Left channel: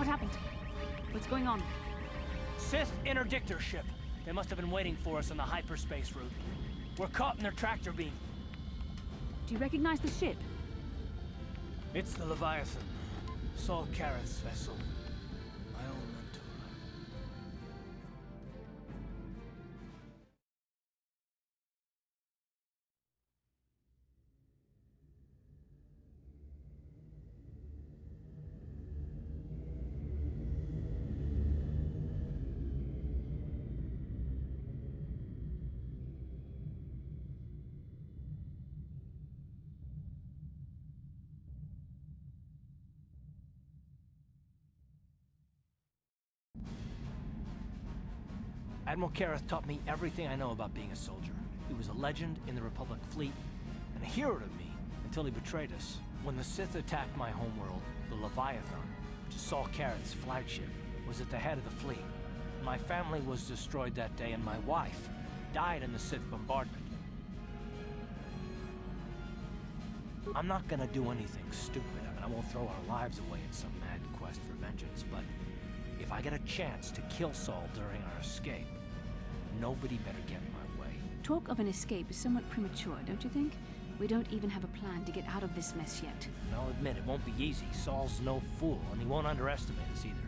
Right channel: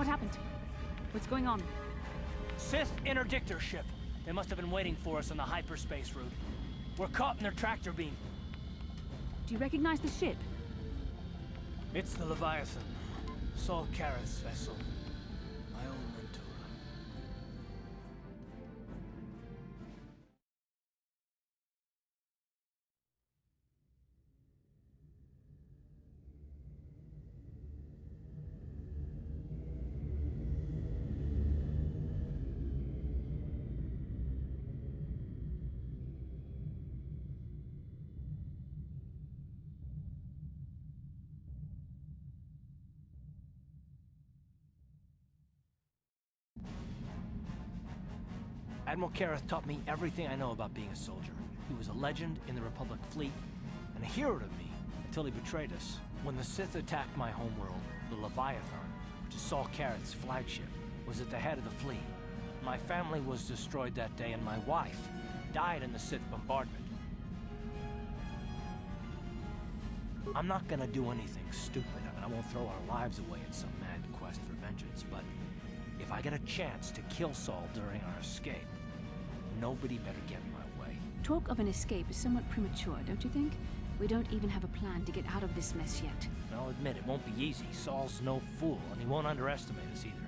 What happened? What's going on? Sith interdictor ship. They must have been waiting for us on the hyperspace route. We're caught in their tractor beam. Do you recognize the ship? It's the Leviathan. Saul Carth's vessel. My old mentor. Admiral Carth taught me everything I know about being a soldier. He was a legend in the Republic fleet, and a hero to me until he betrayed us. When the Sith attacked my homeworld, the Leviathan, which is Saul Carth's flagship, was at the head of the fleet. My family was destroyed that day, and my wife died in the Sith bombardment. I'm not gonna do anything stupid. I won't throw our lives away in some mad quest for vengeance, but if I get a chance to kill Saul during our escape, nobody better get in my way. Talk of an escape is somewhat premature, don't you think? We don't even have a plan to get out of this mess yet. And I'll admit, it won't be easy. Saul's no fool, and he won't underestimate us either.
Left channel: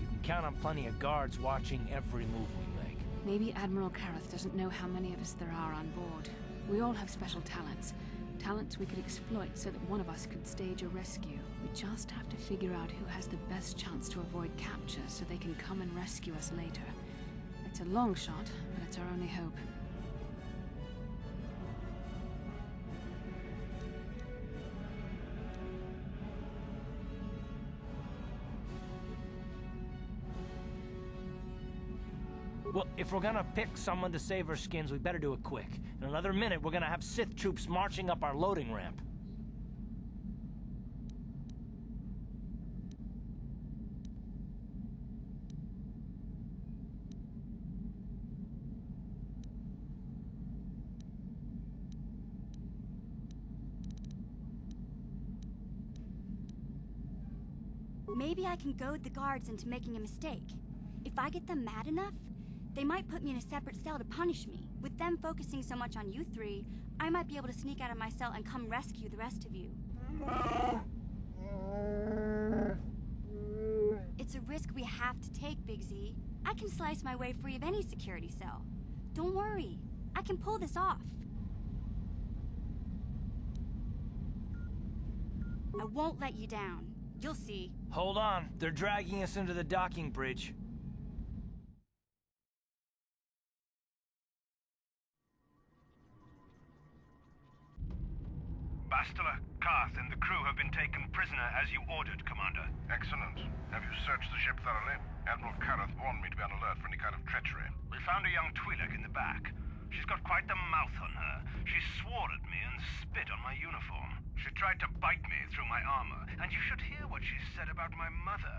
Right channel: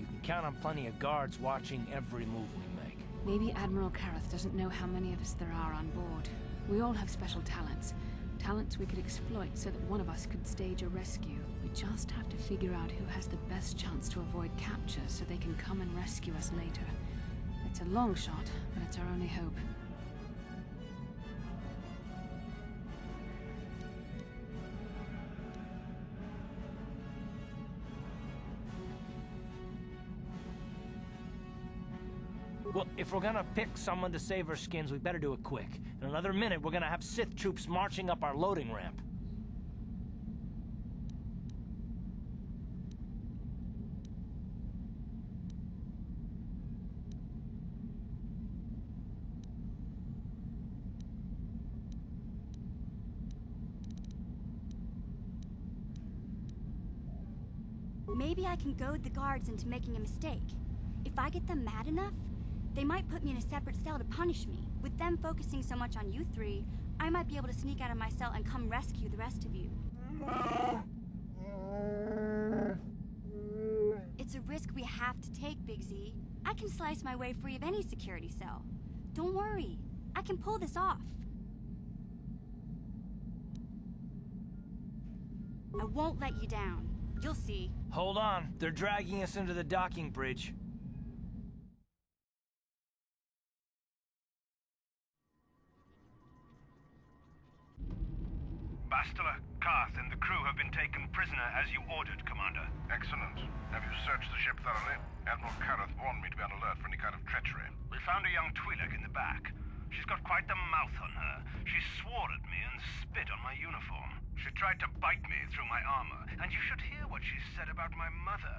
You can count on plenty of guards watching every move we make. Maybe Admiral Carth doesn't know how many of us there are on board. We all have special talents. Talents we could exploit so that one of us could stage a rescue. We just have to figure out who has the best chance to avoid capture so they can come and rescue us later. It's a long shot, but it's our only hope. Well, if we're gonna pick someone to save our skins, we better do it quick. In another minute, we're gonna have Sith troops marching up our loading ramp. Maybe I can goad the guards into making a mistake. If I get them mad enough, they might put me in a separate cell to punish me. With them focusing so much on you three, I might be able to sneak out of my cell and come rescue the rest of you. It's a risk we have to take, Big Z. I can slice my way free of any security cell. Don't worry, I can pull this off. I won't let you down. You'll see. Hold on, they're dragging us into the docking bridge. Bastila, Carth, and the crew have been taken prisoner as you ordered, Commander. Excellent. Have you searched the ship thoroughly? Admiral Carth warned me to be on alert for any kind of treachery. We found a young Twi'lek in the back. She's got quite the mouth on her. She swore at me and spit on my uniform. She tried to bite me through my armor, and you should hear what she said about my mother.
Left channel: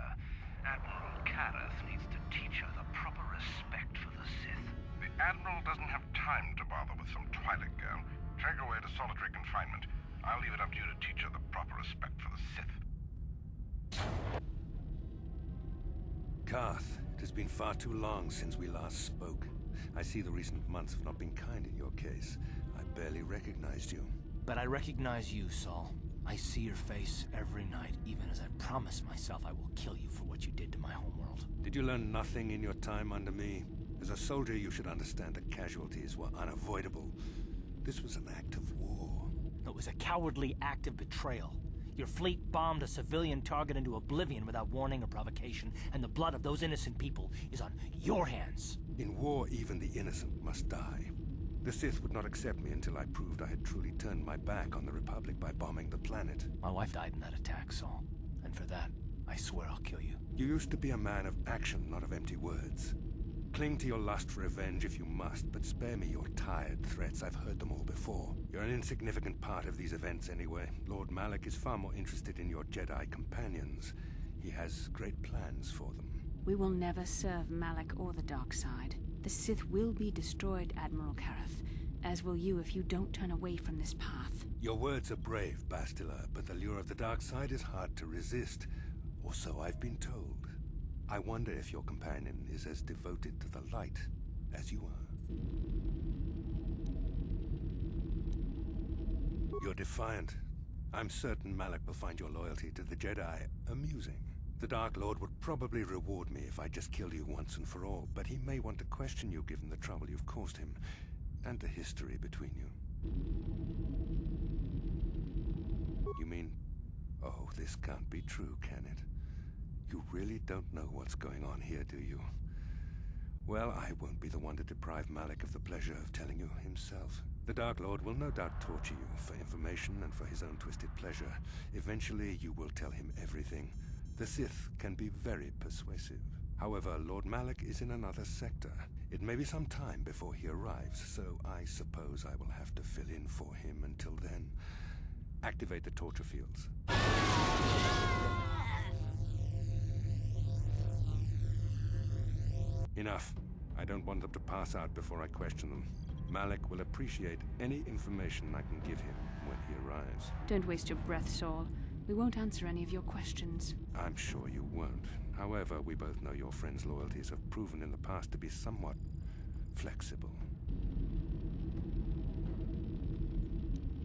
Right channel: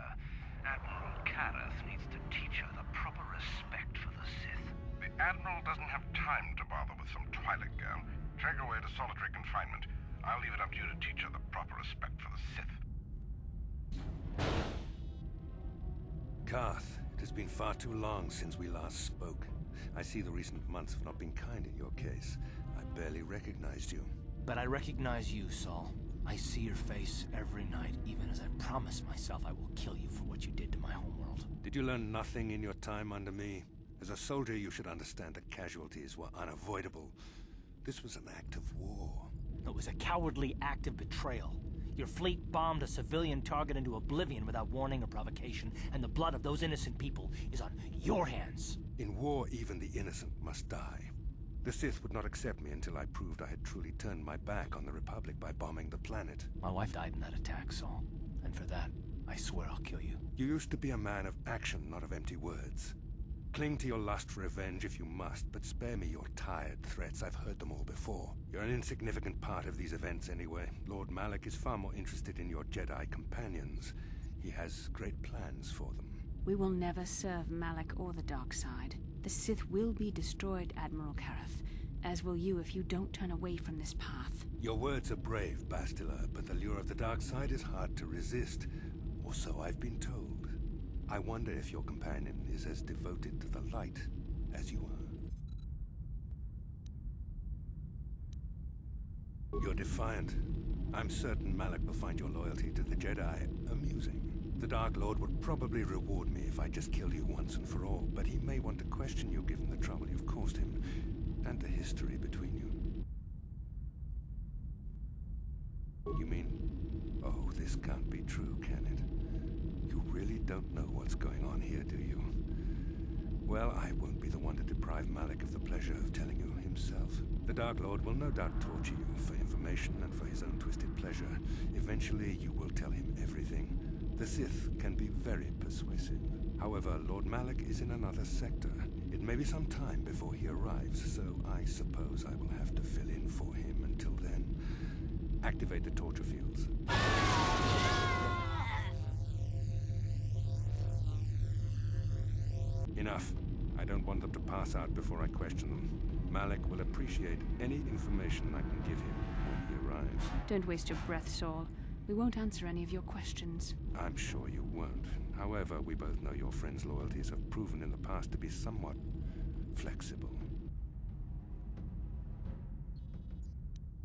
Admiral Carth needs to teach her the proper respect for the Sith. The Admiral doesn't have time to bother with some Twi'lek girl. Take her away to solitary confinement. I'll leave it up to you to teach her the proper respect for the Sith. Carth, it has been far too long since we last spoke. I see the recent months have not been kind in your case. I barely recognized you. But I recognize you, Saul. I see your face every night, even as I promise myself I will kill you for what you did to my homeworld. Did you learn nothing in your time under me? As a soldier, you should understand that casualties were unavoidable. This was an act of war. It was a cowardly act of betrayal. Your fleet bombed a civilian target into oblivion without warning or provocation, and the blood of those innocent people is on your hands. In war, even the innocent must die. The Sith would not accept me until I proved I had truly turned my back on the Republic by bombing the planet. My wife died in that attack, Saul. And for that, I swear I'll kill you. You used to be a man of action, not of empty words. Cling to your lust for revenge if you must, but spare me your tired threats. I've heard them all before. You're an insignificant part of these events anyway. Lord Malak is far more interested in your Jedi companions. He has great plans for them. We will never serve Malak or the dark side. The Sith will be destroyed, Admiral Carth, as will you if you don't turn away from this path. Your words are brave, Bastila, but the lure of the dark side is hard to resist. Or so I've been told. I wonder if your companion is as devoted to the light as you are. You're defiant. I'm certain Malak will find your loyalty to the Jedi amusing. The Dark Lord would probably reward me if I just killed you once and for all, but he may want to question you given the trouble you've caused him, and the history between you. You mean... Oh, this can't be true, can it? You really don't know what's going on here, do you? Well, I won't be the one to deprive Malak of the pleasure of telling you himself. The Dark Lord will no doubt torture you for information and for his own twisted pleasure. Eventually, you will tell him everything. The Sith can be very persuasive. However, Lord Malak is in another sector. It may be some time before he arrives, so I suppose I will have to fill in for him until then. Activate the torture fields. Enough. I don't want them to pass out before I question them. Malak will appreciate any information I can give him when he arrives. Don't waste your breath, Saul. We won't answer any of your questions. I'm sure you won't. However, we both know your friend's loyalties have proven in the past to be somewhat flexible.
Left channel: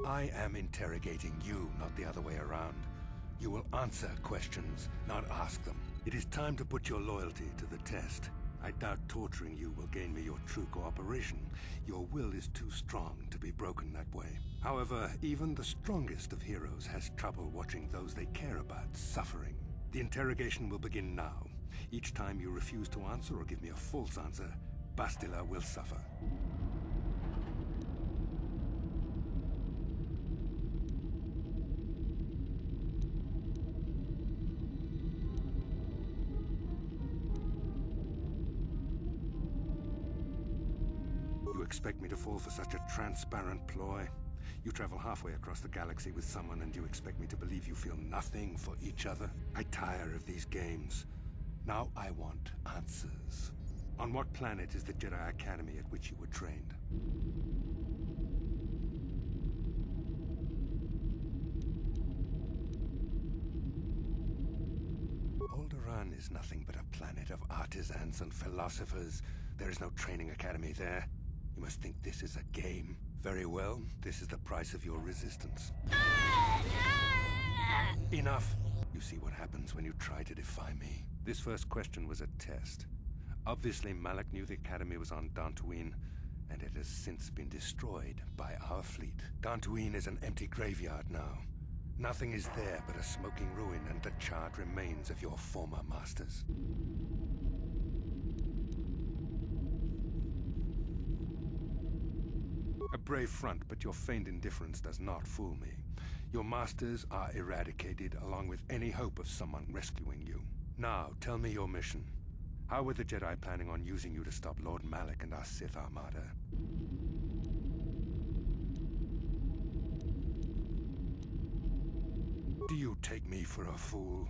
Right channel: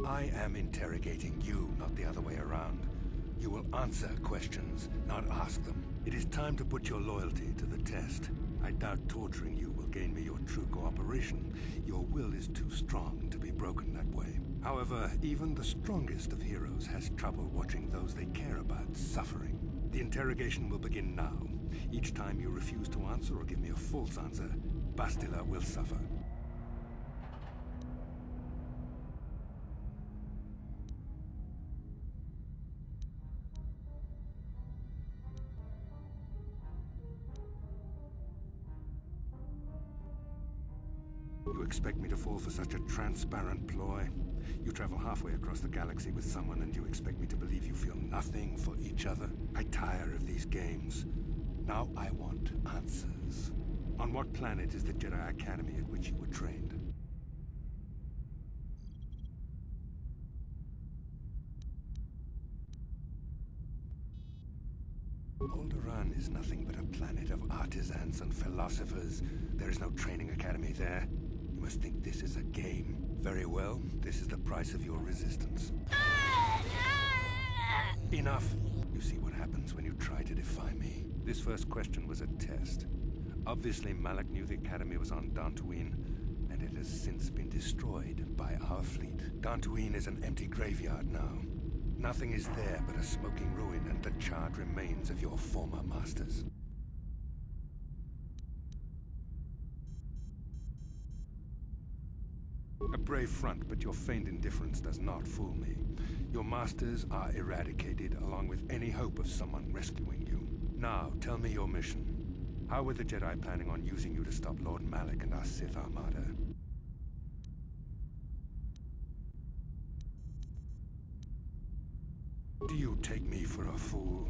I am interrogating you, not the other way around. You will answer questions, not ask them. It is time to put your loyalty to the test. I doubt torturing you will gain me your true cooperation. Your will is too strong to be broken that way. However, even the strongest of heroes has trouble watching those they care about suffering. The interrogation will begin now. Each time you refuse to answer or give me a false answer, Bastila will suffer. You expect me to fall for such a transparent ploy? You travel halfway across the galaxy with someone and you expect me to believe you feel nothing for each other? I tire of these games. Now I want answers. On what planet is the Jedi Academy at which you were trained? Alderaan is nothing but a planet of artisans and philosophers. There is no training academy there. You must think this is a game. Very well, this is the price of your resistance. Enough! You see what happens when you try to defy me. This first question was a test. Obviously, Malak knew the Academy was on Dantooine, and it has since been destroyed by our fleet. Dantooine is an empty graveyard now. Nothing is there but a smoking ruin and the charred remains of your former masters. A brave front, but your feigned indifference does not fool me. Your masters are eradicated, along with any hope of someone rescuing you. Now, tell me your mission. How were the Jedi planning on using you to stop Lord Malak and our Sith Armada? Do you take me for a fool?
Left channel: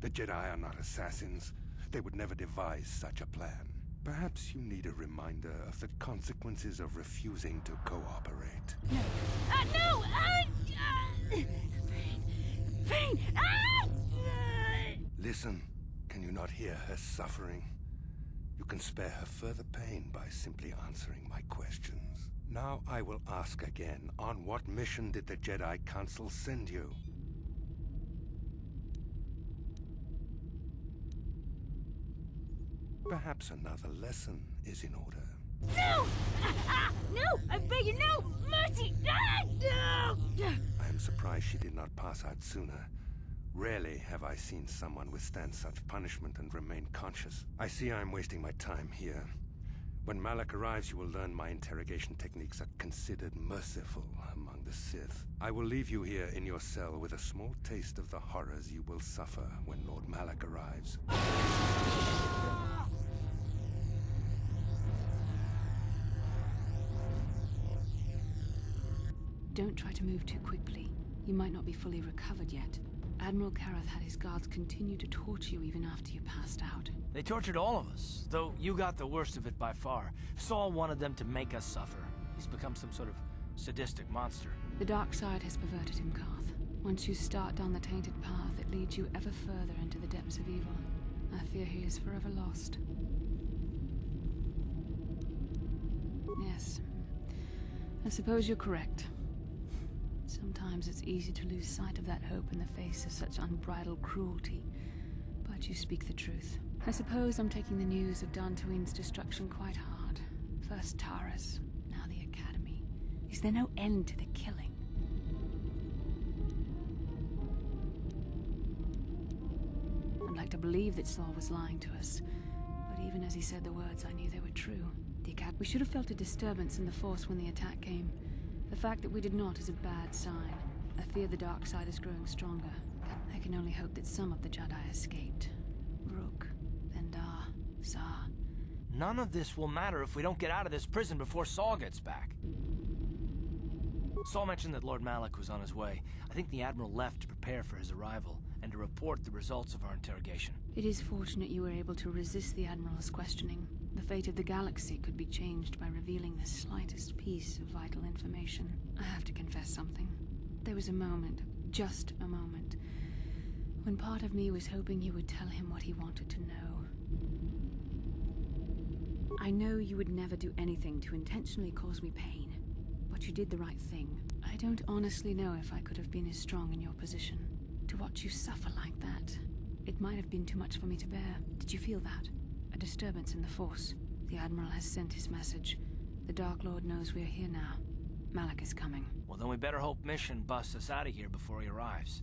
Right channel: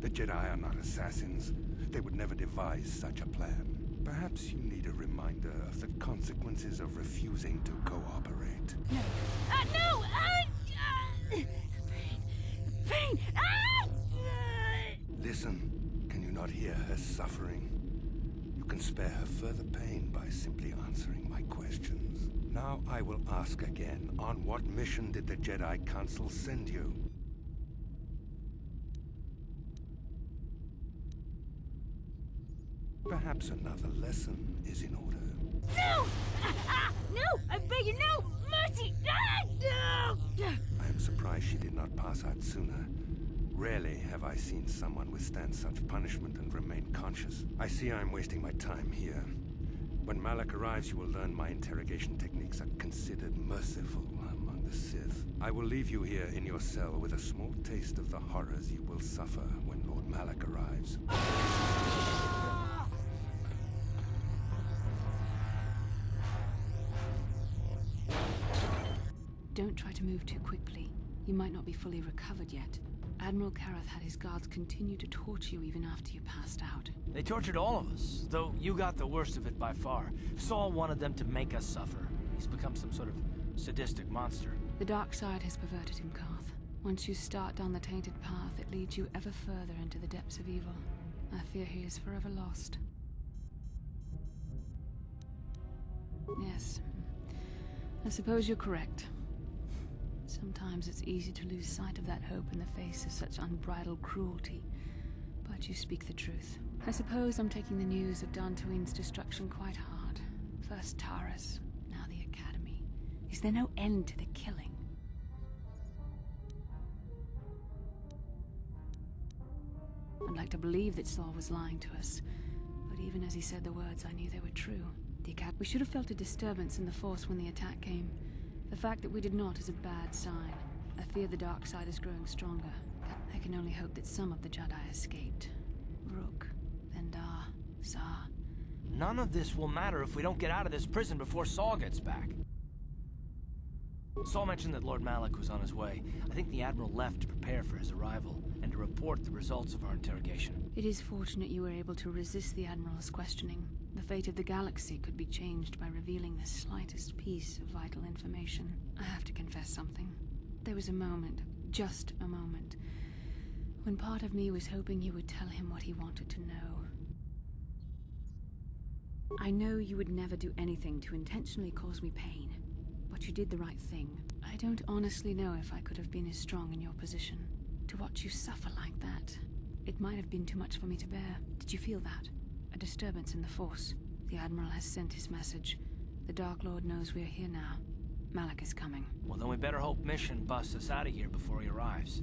The Jedi are not assassins. They would never devise such a plan. Perhaps you need a reminder of the consequences of refusing to cooperate. No! No! Pain! Pain! Listen, can you not hear her suffering? You can spare her further pain by simply answering my questions. Now I will ask again, on what mission did the Jedi Council send you? Perhaps another lesson is in order. No! No! I beg you, no! Mercy! No! I am surprised she did not pass out sooner. Rarely have I seen someone withstand such punishment and remain conscious. I see I am wasting my time here. When Malak arrives, you will learn my interrogation techniques are considered merciful among the Sith. I will leave you here in your cell with a small taste of the horrors you will suffer when Lord Malak arrives. Don't try to move too quickly. You might not be fully recovered yet. Admiral Carth had his guards continue to torture you even after you passed out. They tortured all of us, though you got the worst of it by far. Saul wanted them to make us suffer. He's become some sort of sadistic monster. The dark side has perverted him, Carth. Once you start down the tainted path, it leads you ever further into the depths of evil. I fear he is forever lost. Yes, I suppose you're correct. Sometimes it's easy to lose sight of that hope in the face of such unbridled cruelty. But you speak the truth. I suppose I'm taking the news of Dantooine's destruction quite hard. First Taras, now the Academy. Is there no end to the killing? I'd like to believe that Saul was lying to us. But even as he said the words, I knew they were true. We should have felt a disturbance in the Force when the attack came. The fact that we did not is a bad sign. I fear the dark side is growing stronger. I can only hope that some of the Jedi escaped. Rook, Vendar, Zar. None of this will matter if we don't get out of this prison before Saul gets back. Saul mentioned that Lord Malak was on his way. I think the Admiral left to prepare for his arrival and to report the results of our interrogation. It is fortunate you were able to resist the Admiral's questioning. The fate of the galaxy could be changed by revealing the slightest piece of vital information. I have to confess something. There was a moment, just a moment, when part of me was hoping you would tell him what he wanted to know. I know you would never do anything to intentionally cause me pain, but you did the right thing. I don't honestly know if I could have been as strong in your position. To watch you suffer like that, it might have been too much for me to bear. Did you feel that? A disturbance in the Force. The Admiral has sent his message. The Dark Lord knows we're here now. Malak is coming. Well, then we better hope Mission busts us out of here before he arrives.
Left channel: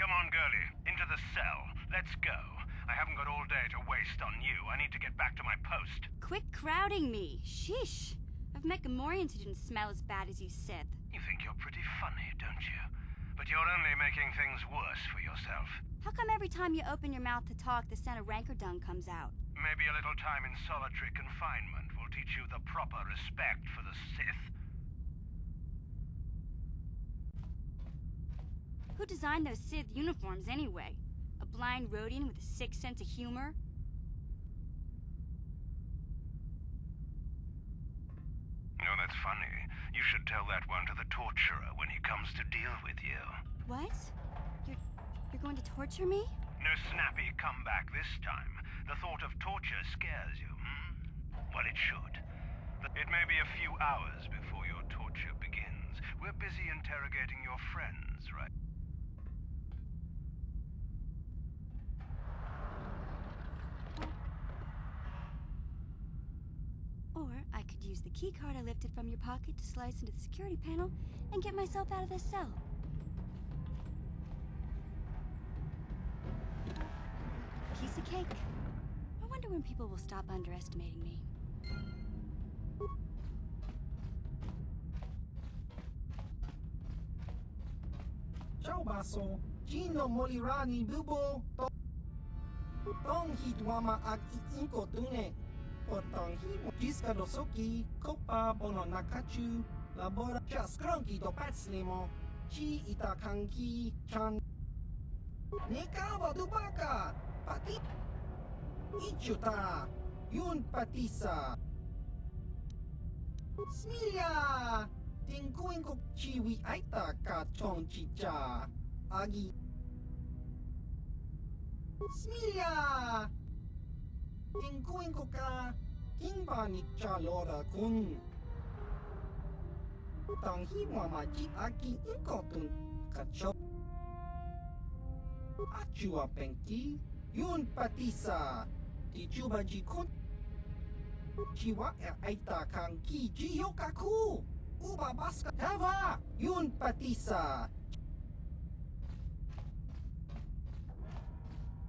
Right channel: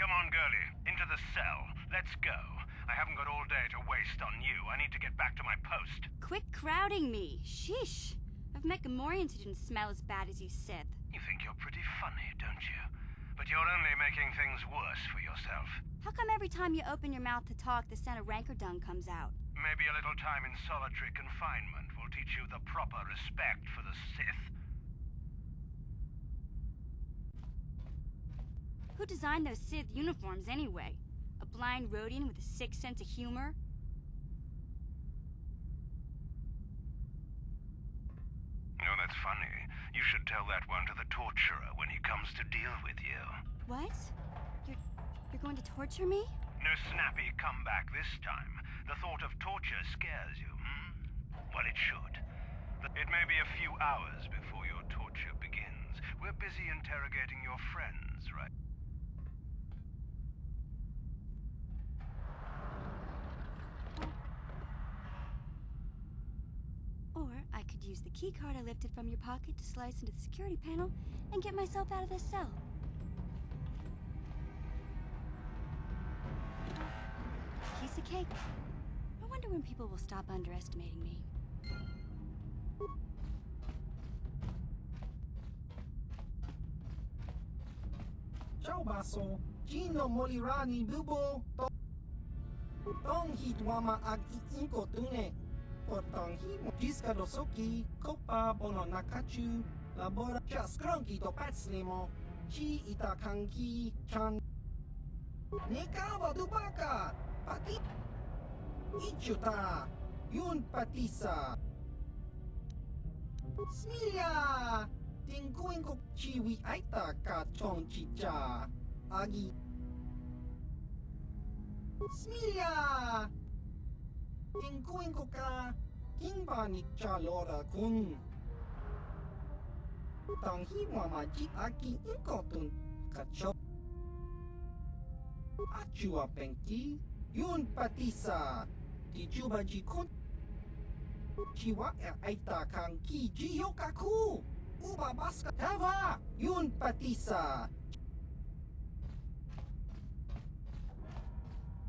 Come on, girlie. Into the cell. Let's go. I haven't got all day to waste on you. I need to get back to my post. Quit crowding me. Sheesh. I've met Gamorreans who didn't smell as bad as you, Sith. You think you're pretty funny, don't you? But you're only making things worse for yourself. How come every time you open your mouth to talk, the scent of rancor dung comes out? Maybe a little time in solitary confinement will teach you the proper respect for the Sith. Who designed those Sith uniforms anyway? A blind Rhodian with a sick sense of humor? Oh, that's funny. You should tell that one to the torturer when he comes to deal with you. What? You're going to torture me? No snappy comeback this time. The thought of torture scares you, hmm? Well, it should. It may be a few hours before your torture begins. We're busy interrogating your friends, right? Or I could use the key card I lifted from your pocket to slice into the security panel and get myself out of this cell. Piece of cake. I wonder when people will stop underestimating me. Ciao baso, Gino Molirani Bubo Tong Hitwama ag iinko tune Portong himo Jiska dosoki Kopa bono nakachu Labora Chaskronki do patslimo Chi itakanki Chan Nekawa dubaka Pati Ichuta Yun patisa Smilia Tingkuin ko chiwi aita ka chong chicha agi Smilia Tingkuin ko ka kimba ni chalora kun Tanghi mamaji aki inkotun kacho Achua penki yun patisa Tichuba jikun Chiwa aita kang ki jiyo kaku Uba baska Tava Yun patisa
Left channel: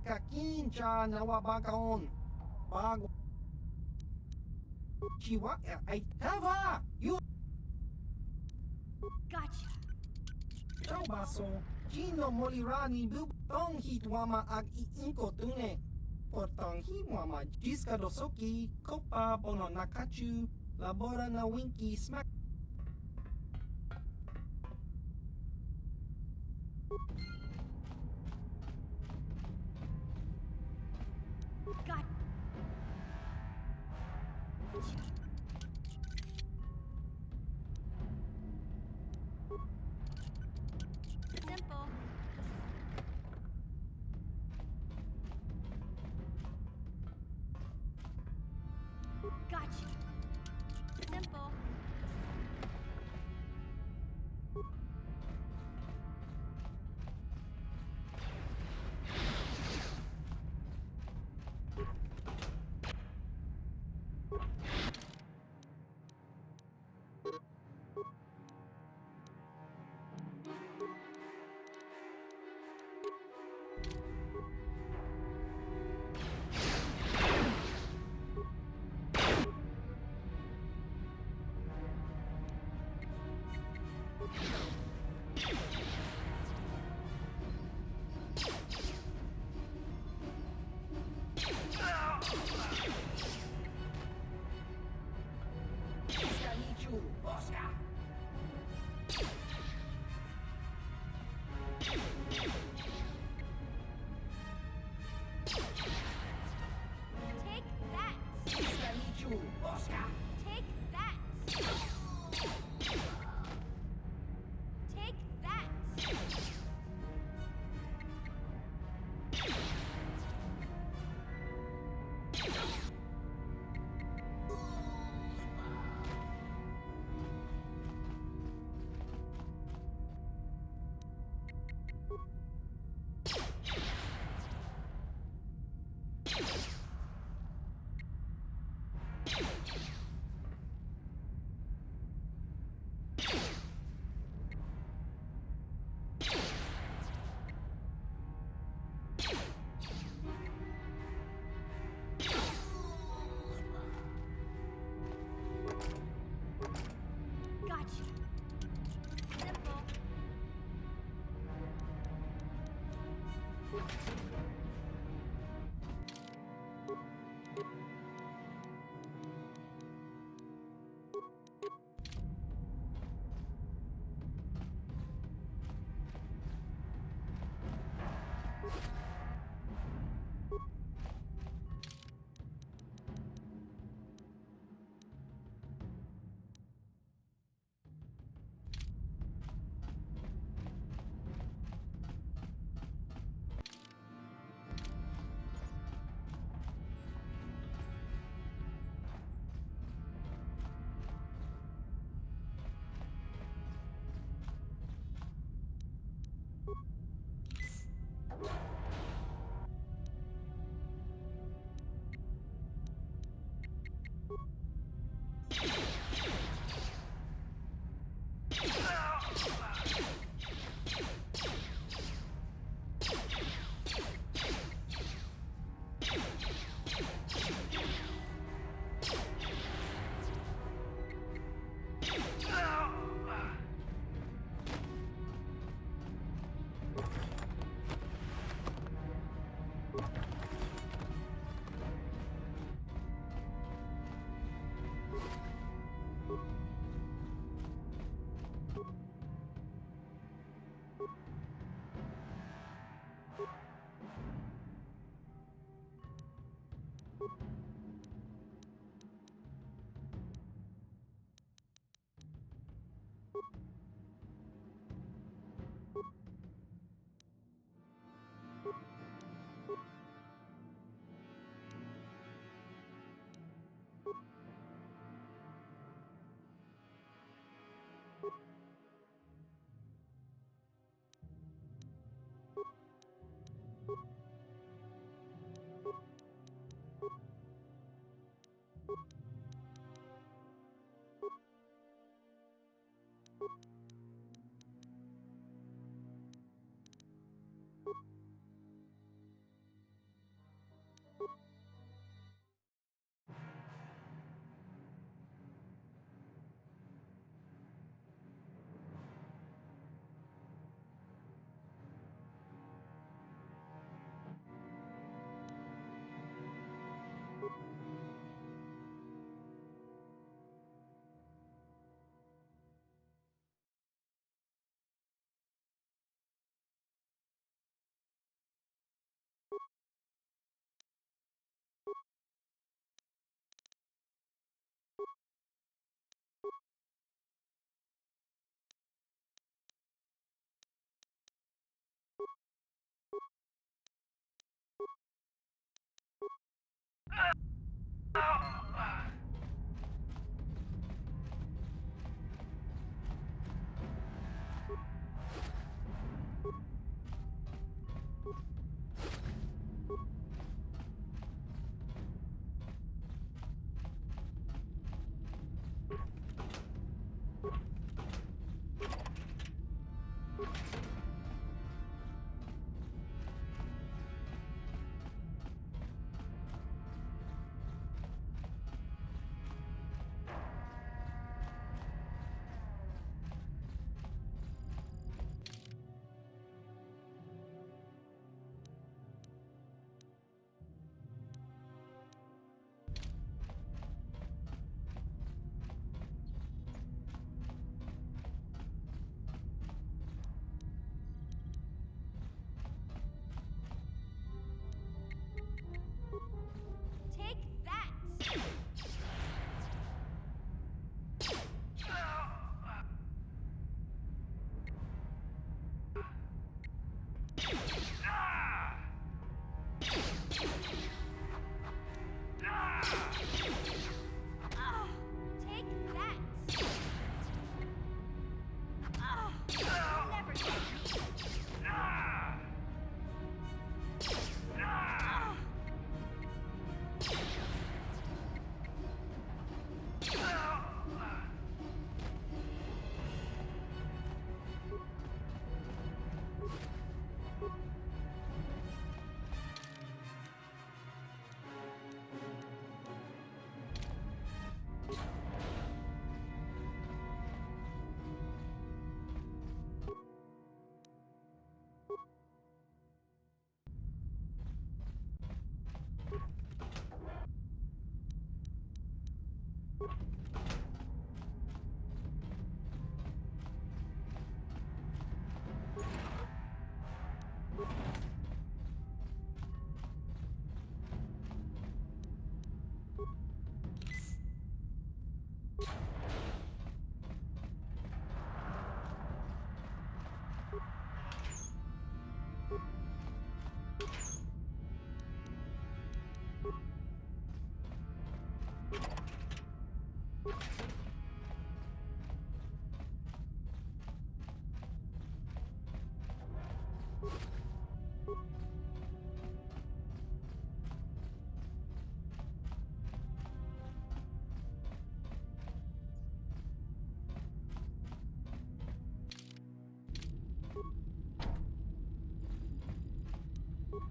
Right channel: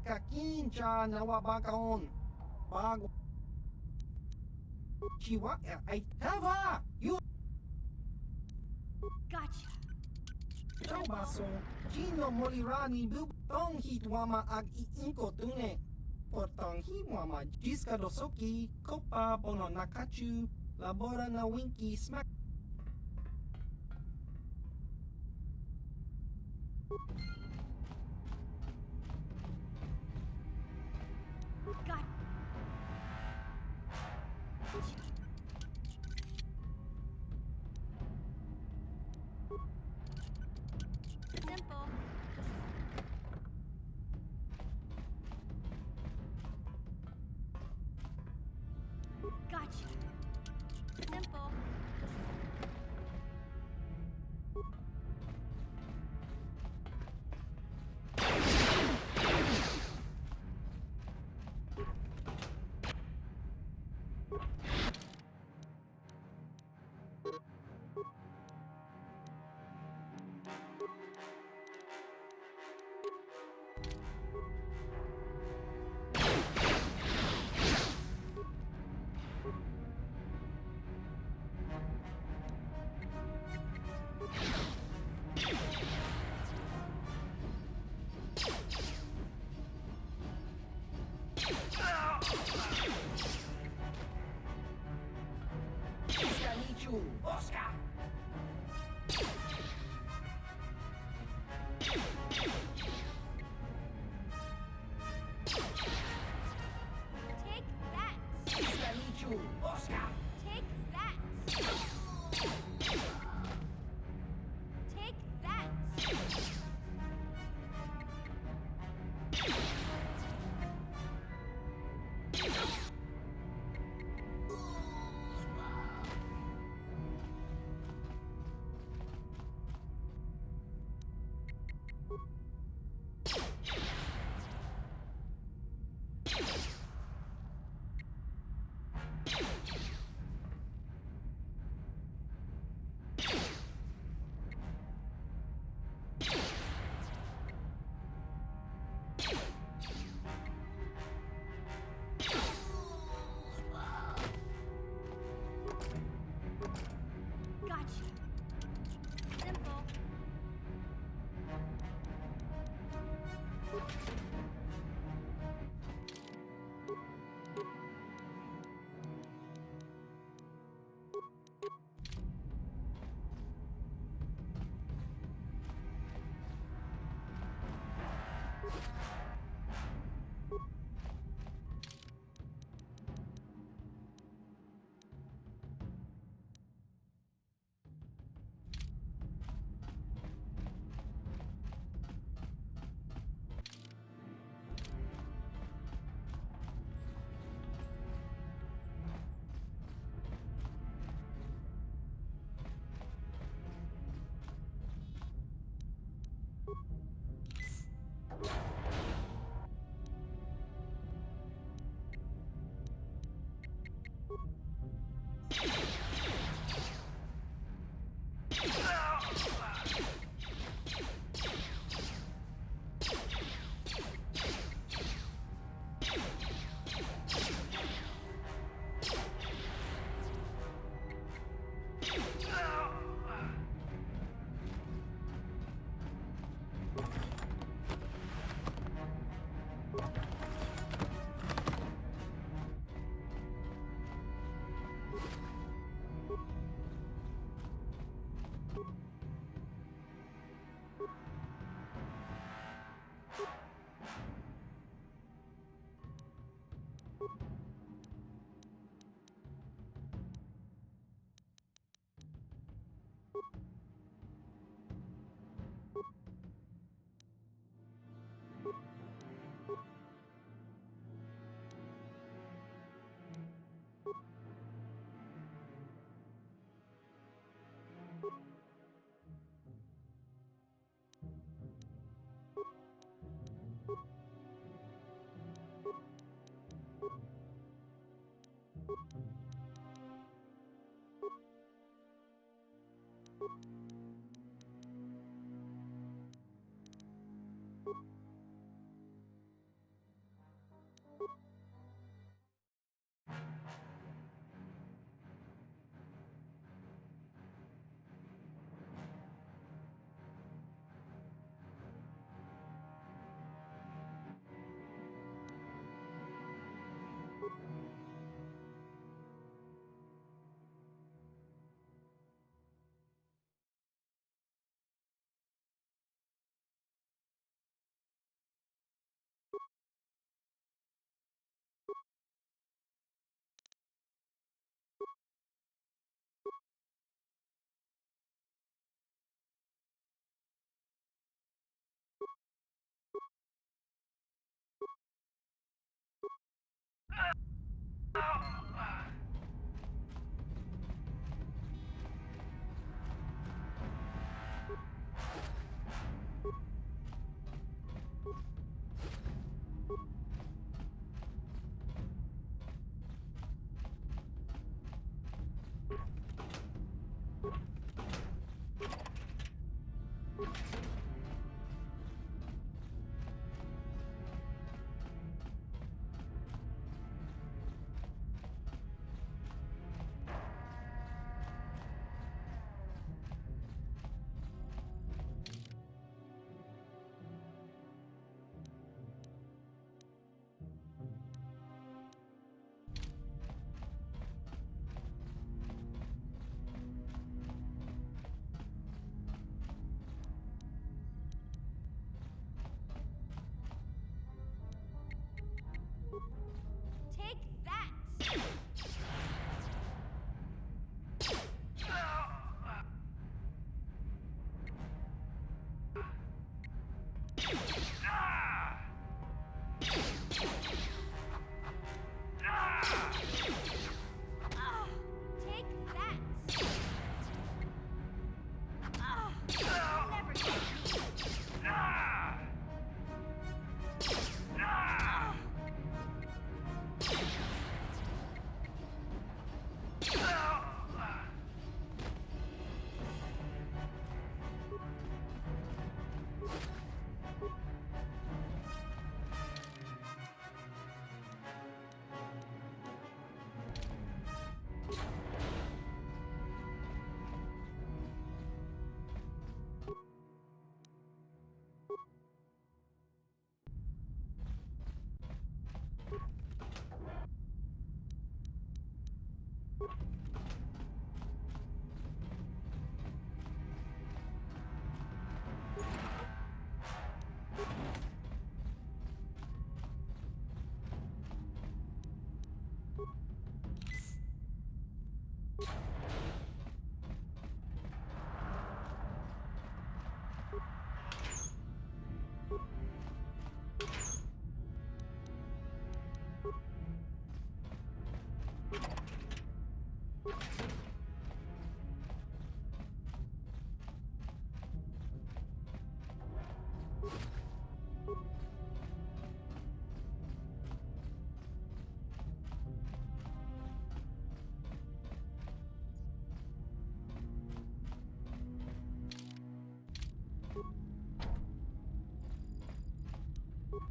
Kakincha nawabakaon Bago Chiwa ay Tava Yun Gotcha. Ciao baso Gino Molirani Bub Tong hitwama ag iinko tune Portong himwama Jiska dosoki Kopa bono nakachu Labora na winky smack Got. Simple. Gotcha. Simple. Oscar! Take that! Oscar! Take that! Take that! Gotcha. Simple.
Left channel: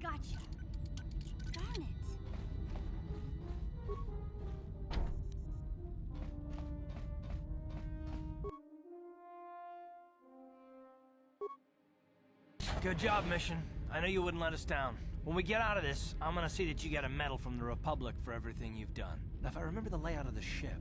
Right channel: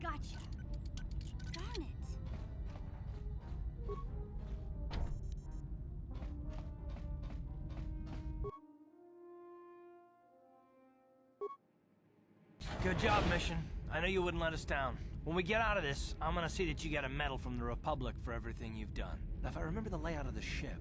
Gotcha. Darn it. Good job, Mission. I know you wouldn't let us down. When we get out of this, I'm gonna see that you get a medal from the Republic for everything you've done. Now, if I remember the layout of the ship,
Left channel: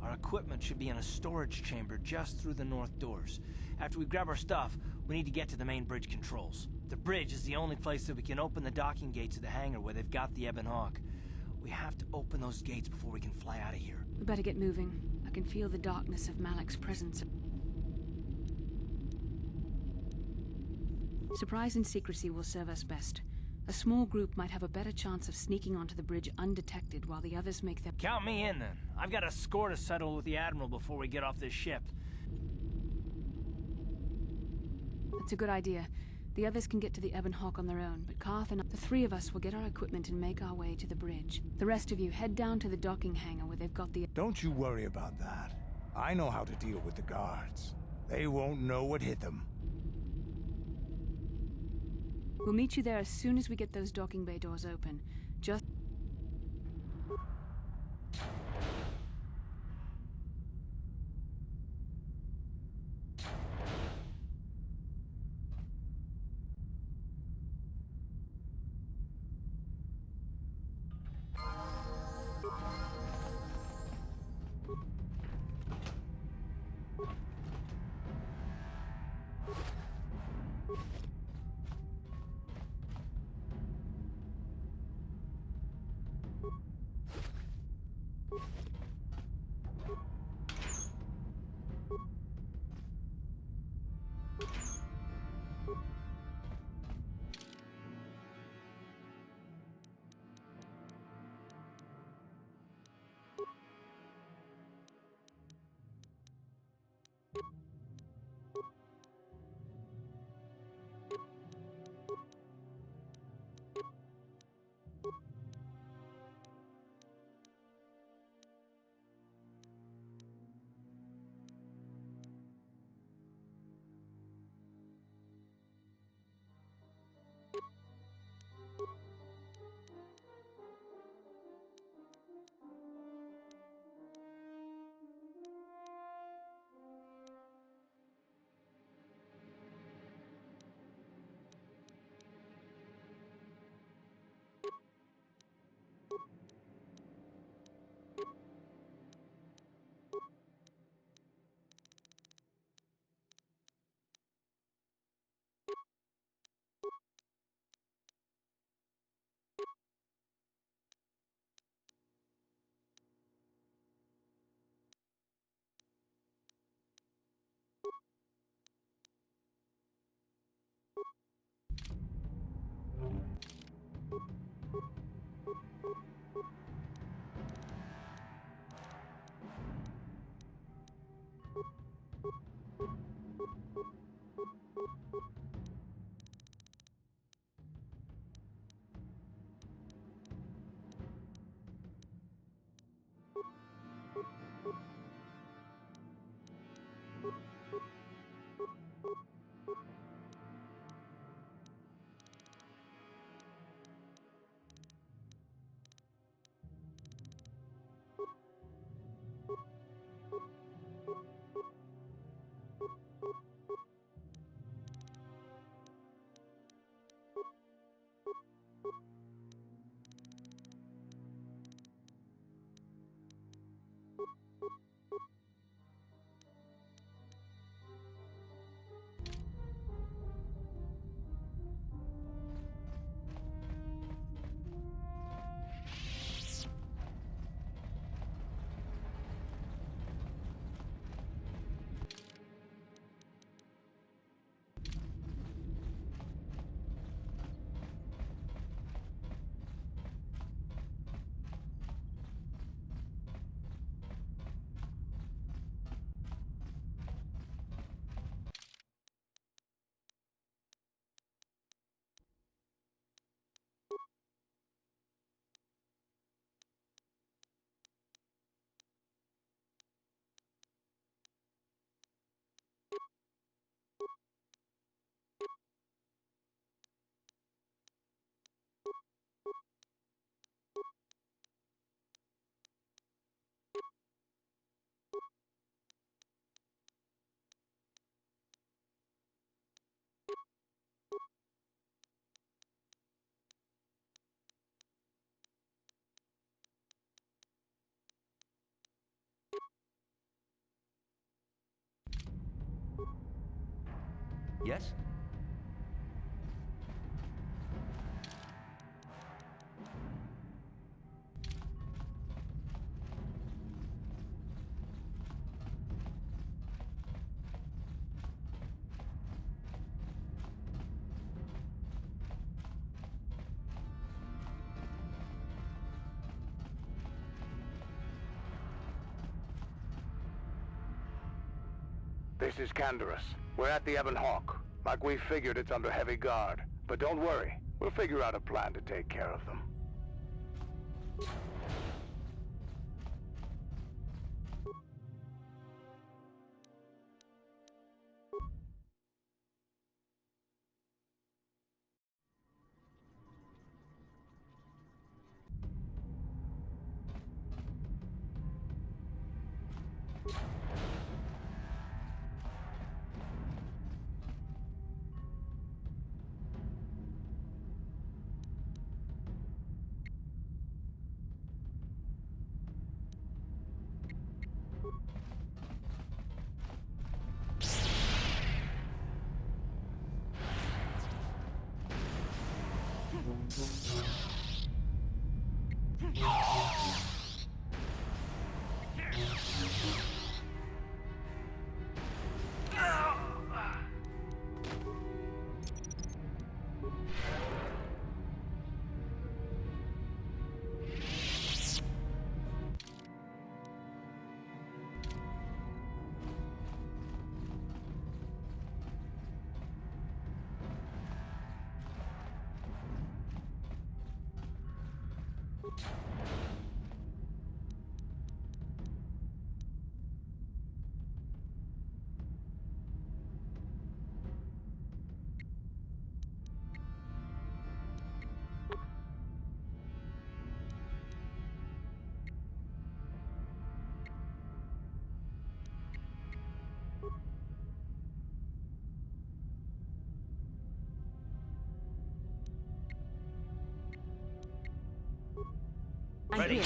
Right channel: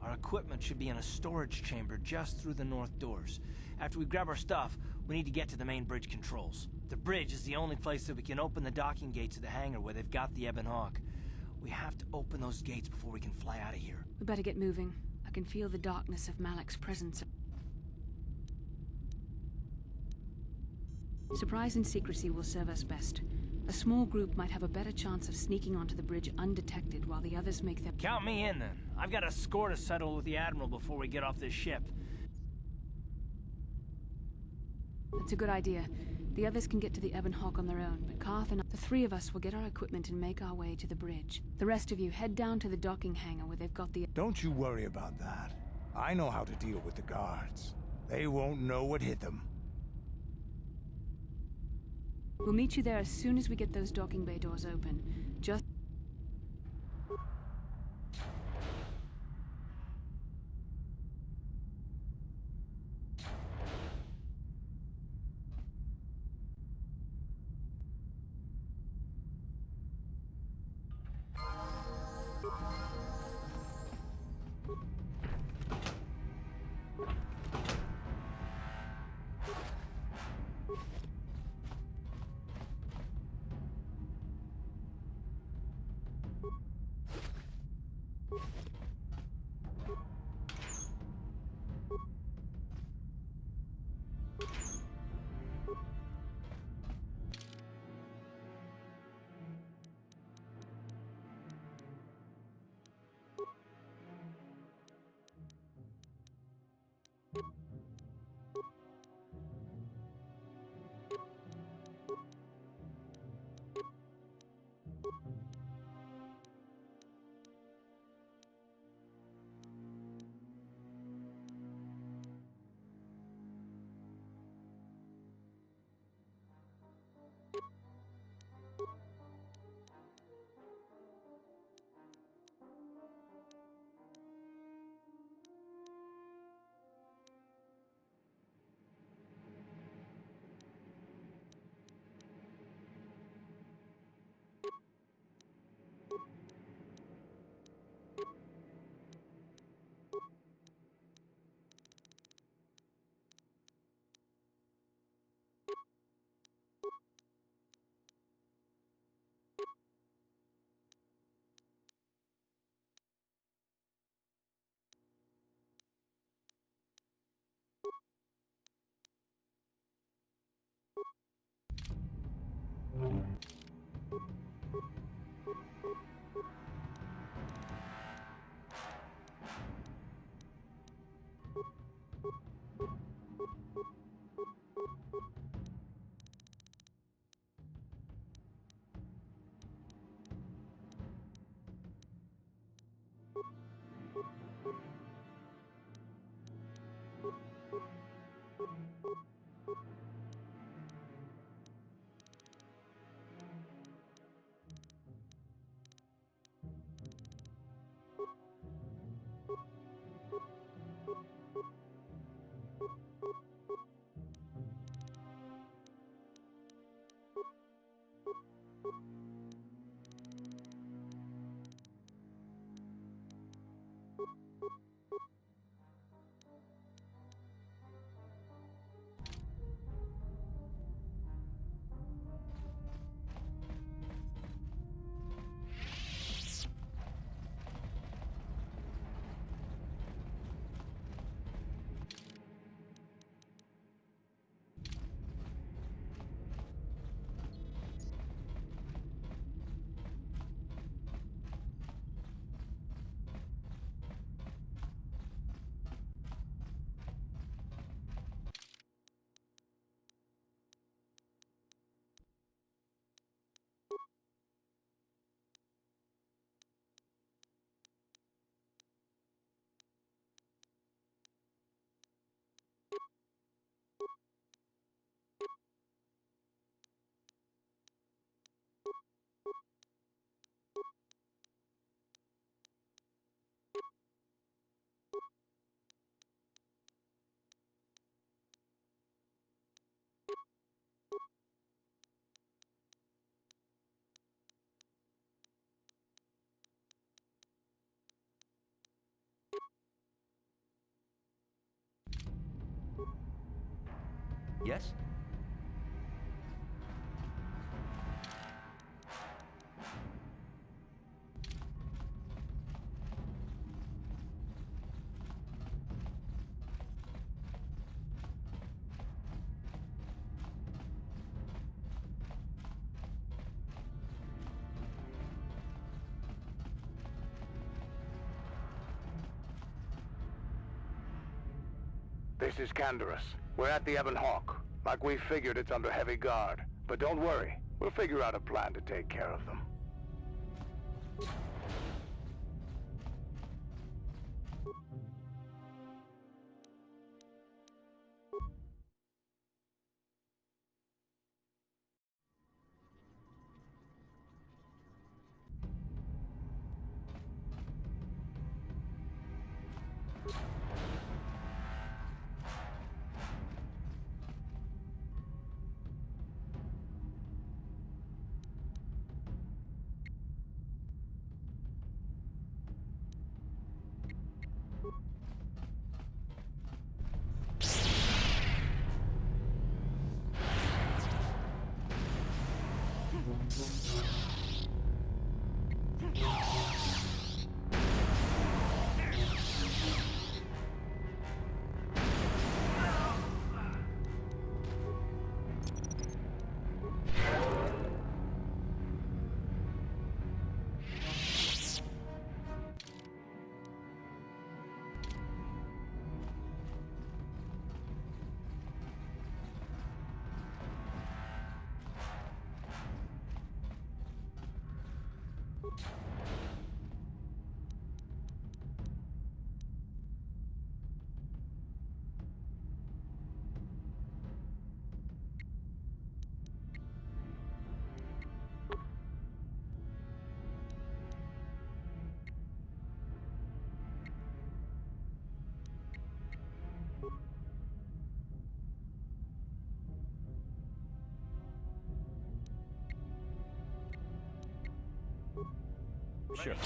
our equipment should be in a storage chamber just through the north doors. After we grab our stuff, we need to get to the main bridge controls. The bridge is the only place that we can open the docking gates of the hangar where they've got the Ebon Hawk. We have to open those gates before we can fly out of here. We better get moving. I can feel the darkness of Malak's presence. Surprise and secrecy will serve us best. A small group might have a better chance of sneaking onto the bridge undetected while the others make their... Count me in, then. I've got a score to settle with the Admiral before we get off this ship. That's a good idea. The others can get to the Ebon Hawk on their own, but Carth and the three of us will get our equipment and make our way to the bridge. The rest of you head down to the docking hangar where they've got the... Don't you worry about that. I know how to deal with the guards. They won't know what hit them. We'll meet you there as soon as we get those docking bay doors open. Just... Yes? This is Canderous. We're at the Ebon Hawk. Like we figured, it's under heavy guard. But don't worry, we'll figure out a plan to take care of them. Ready.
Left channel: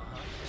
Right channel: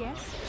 Yes?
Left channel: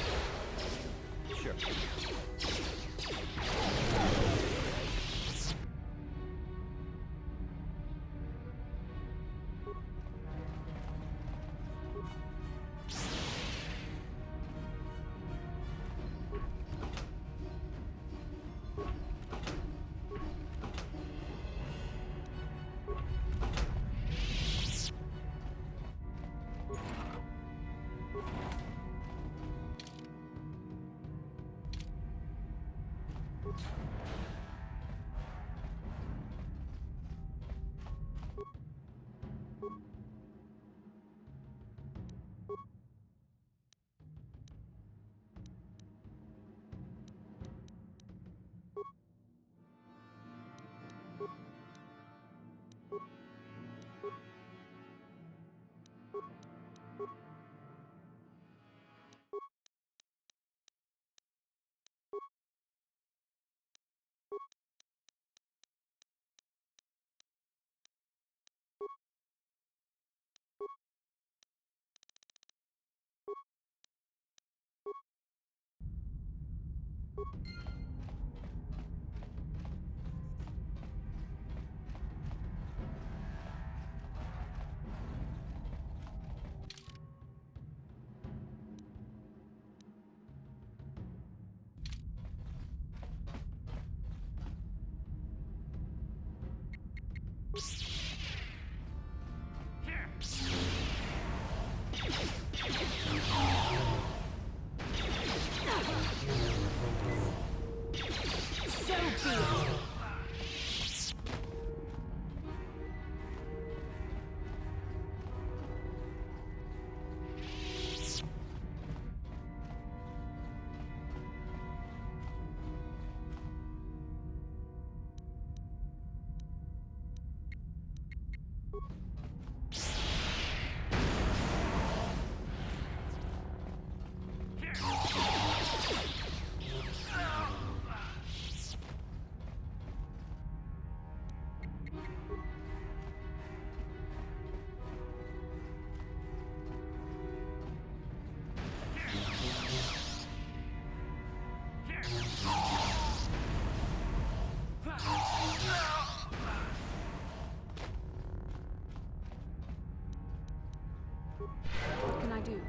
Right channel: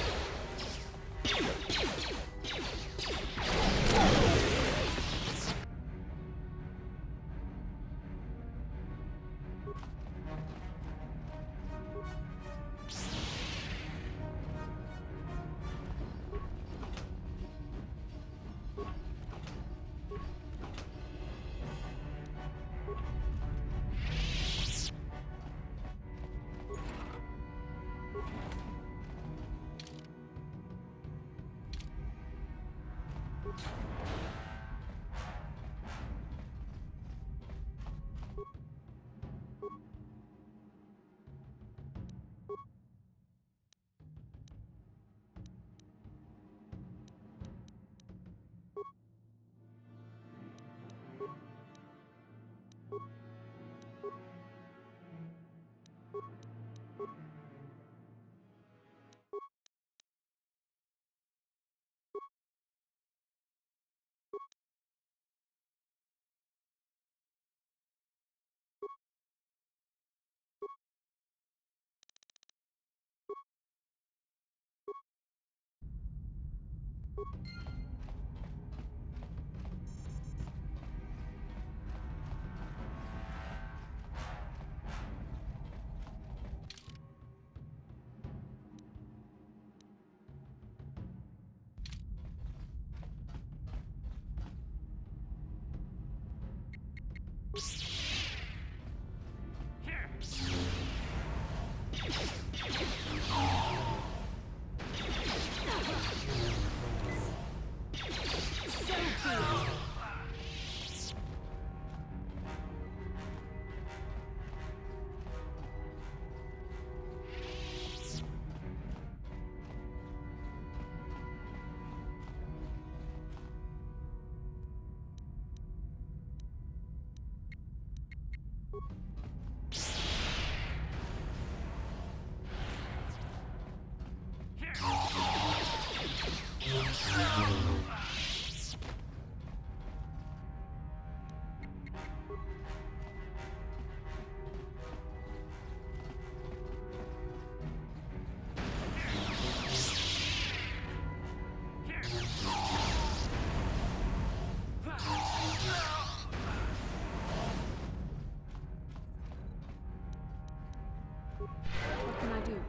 What can I do?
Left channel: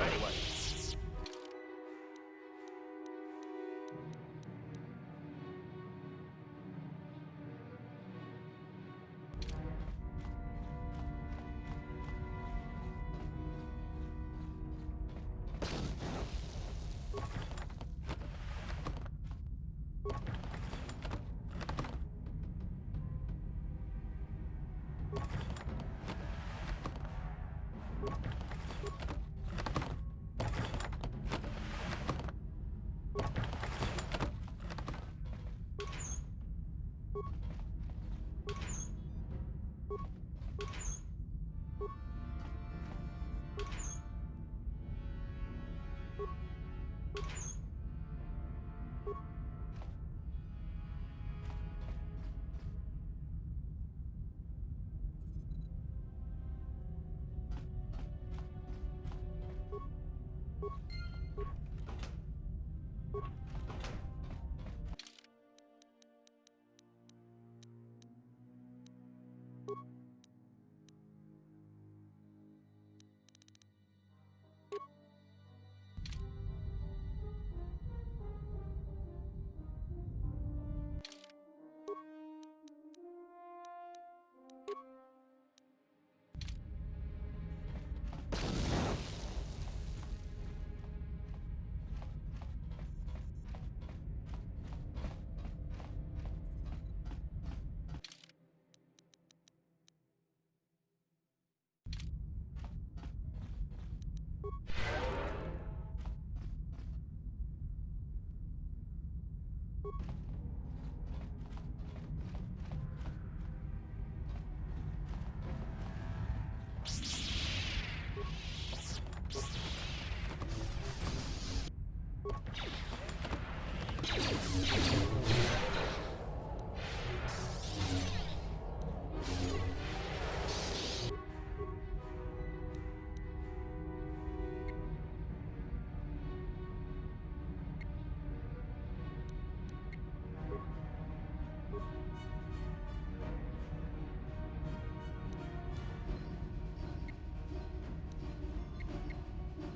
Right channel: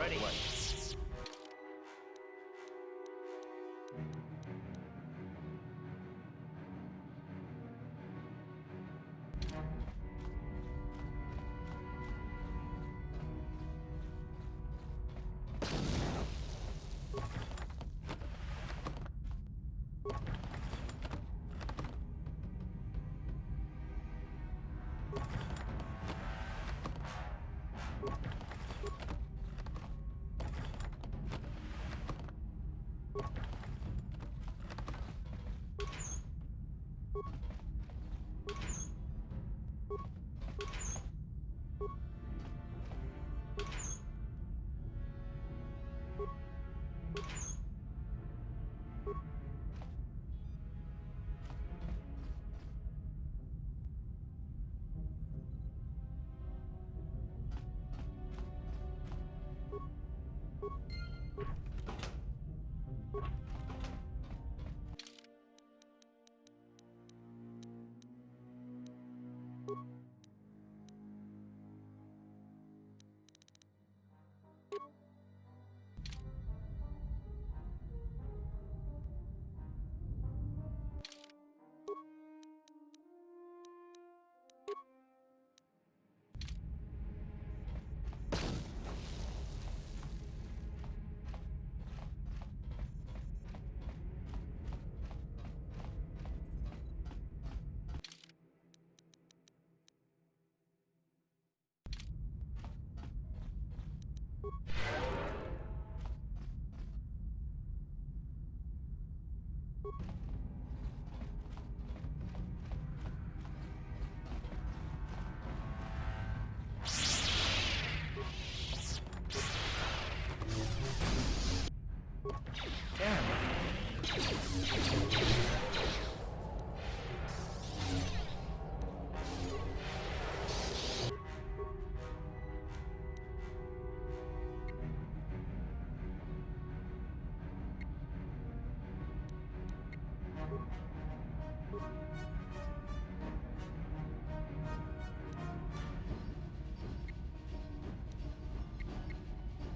Ready.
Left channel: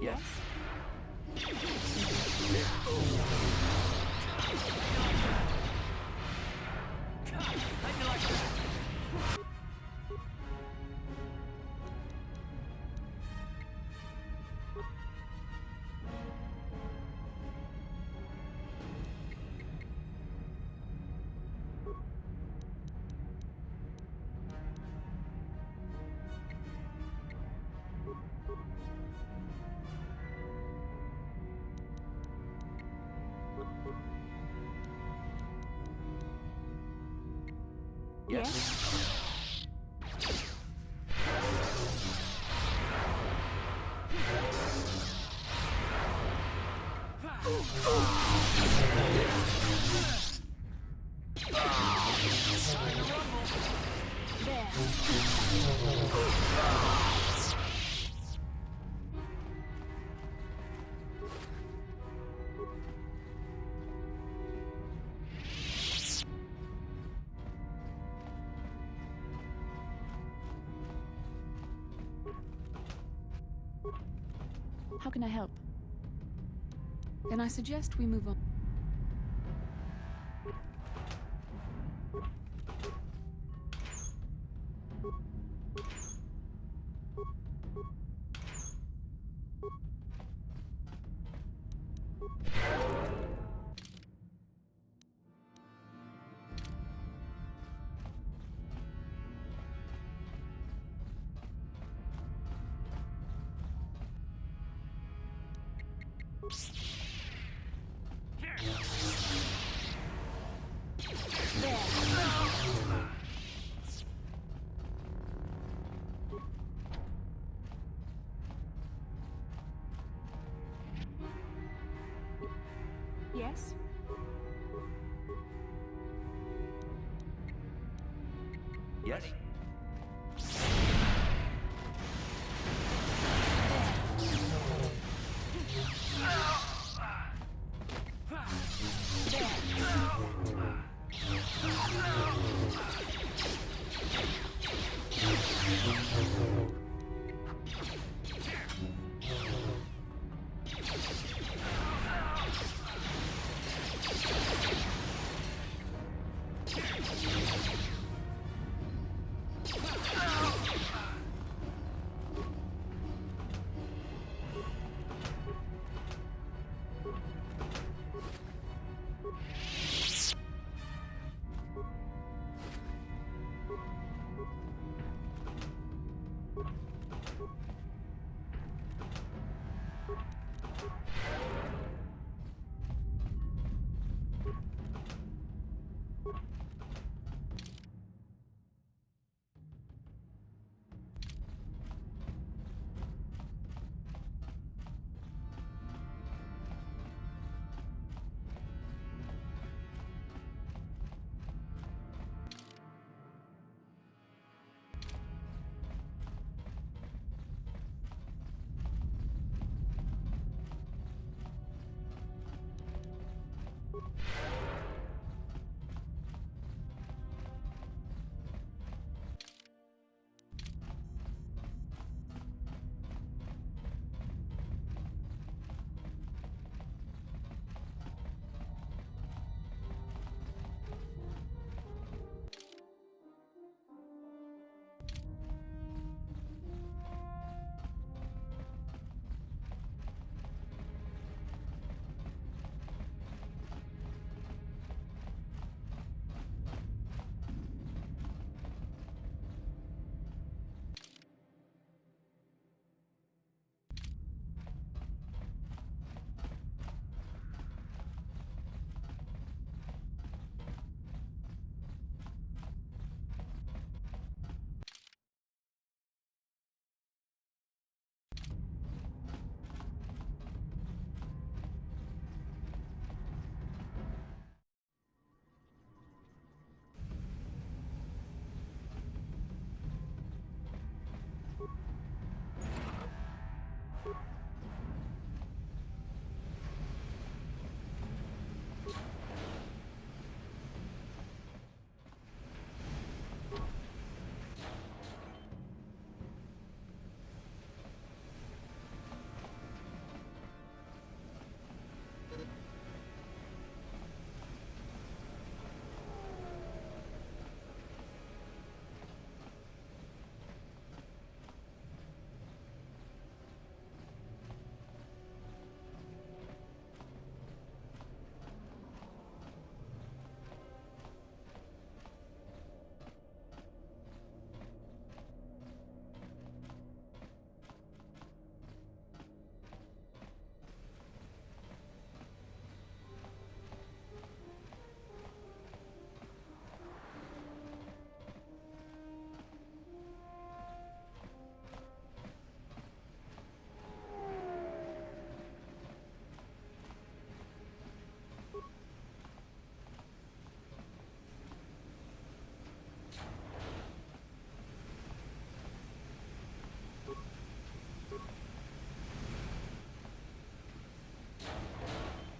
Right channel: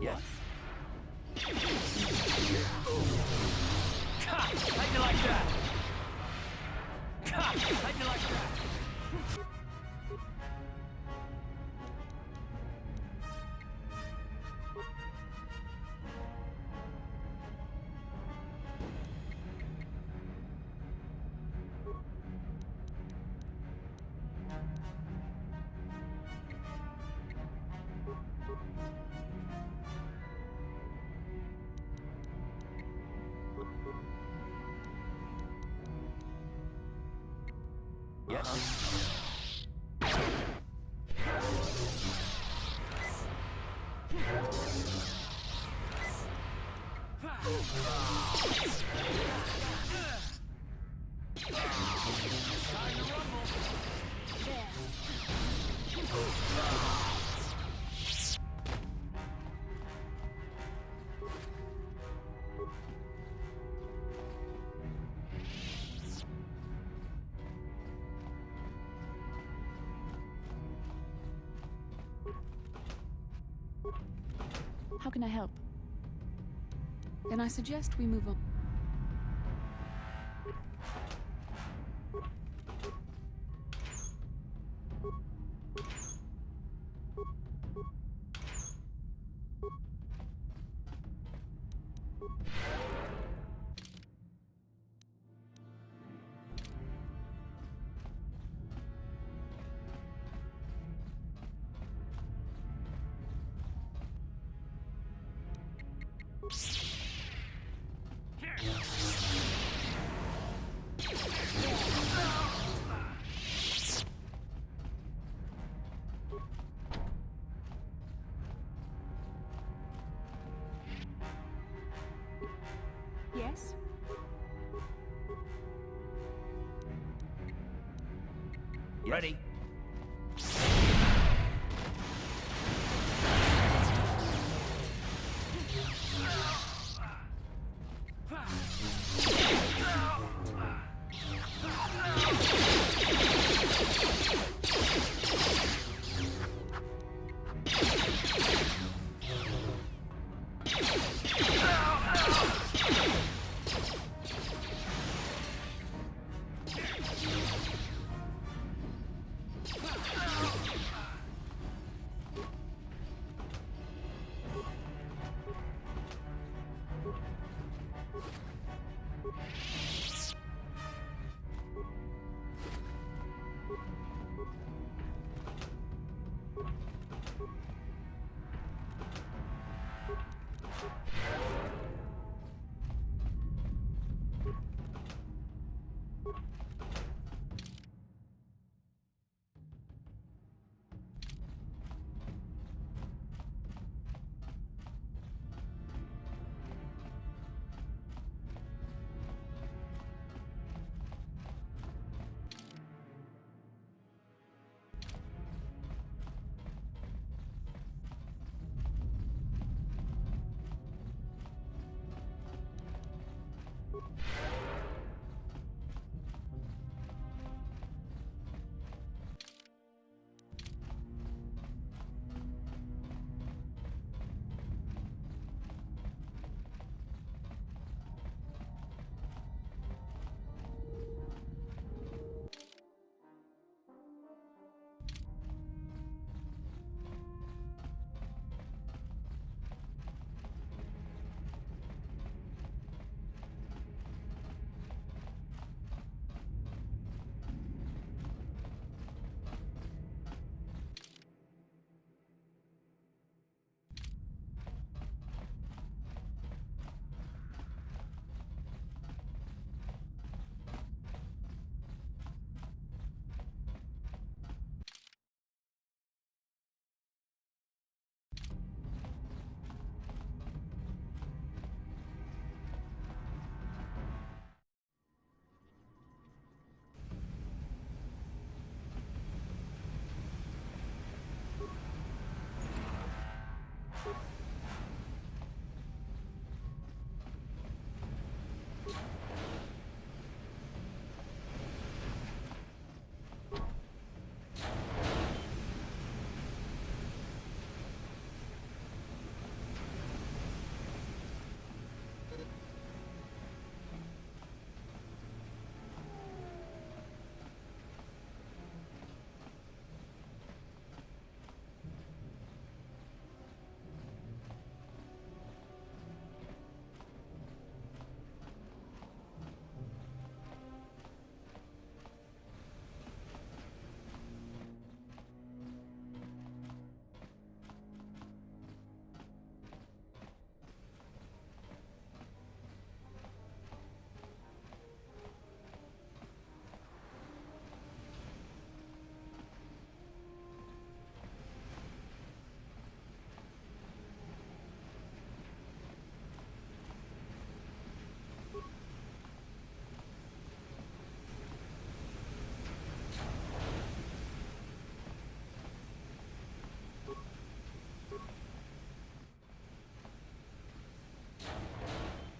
Yes. How'd you like that? How'd you like that? Yes. How can I help? Then I suggest we move on. Yes? Ready.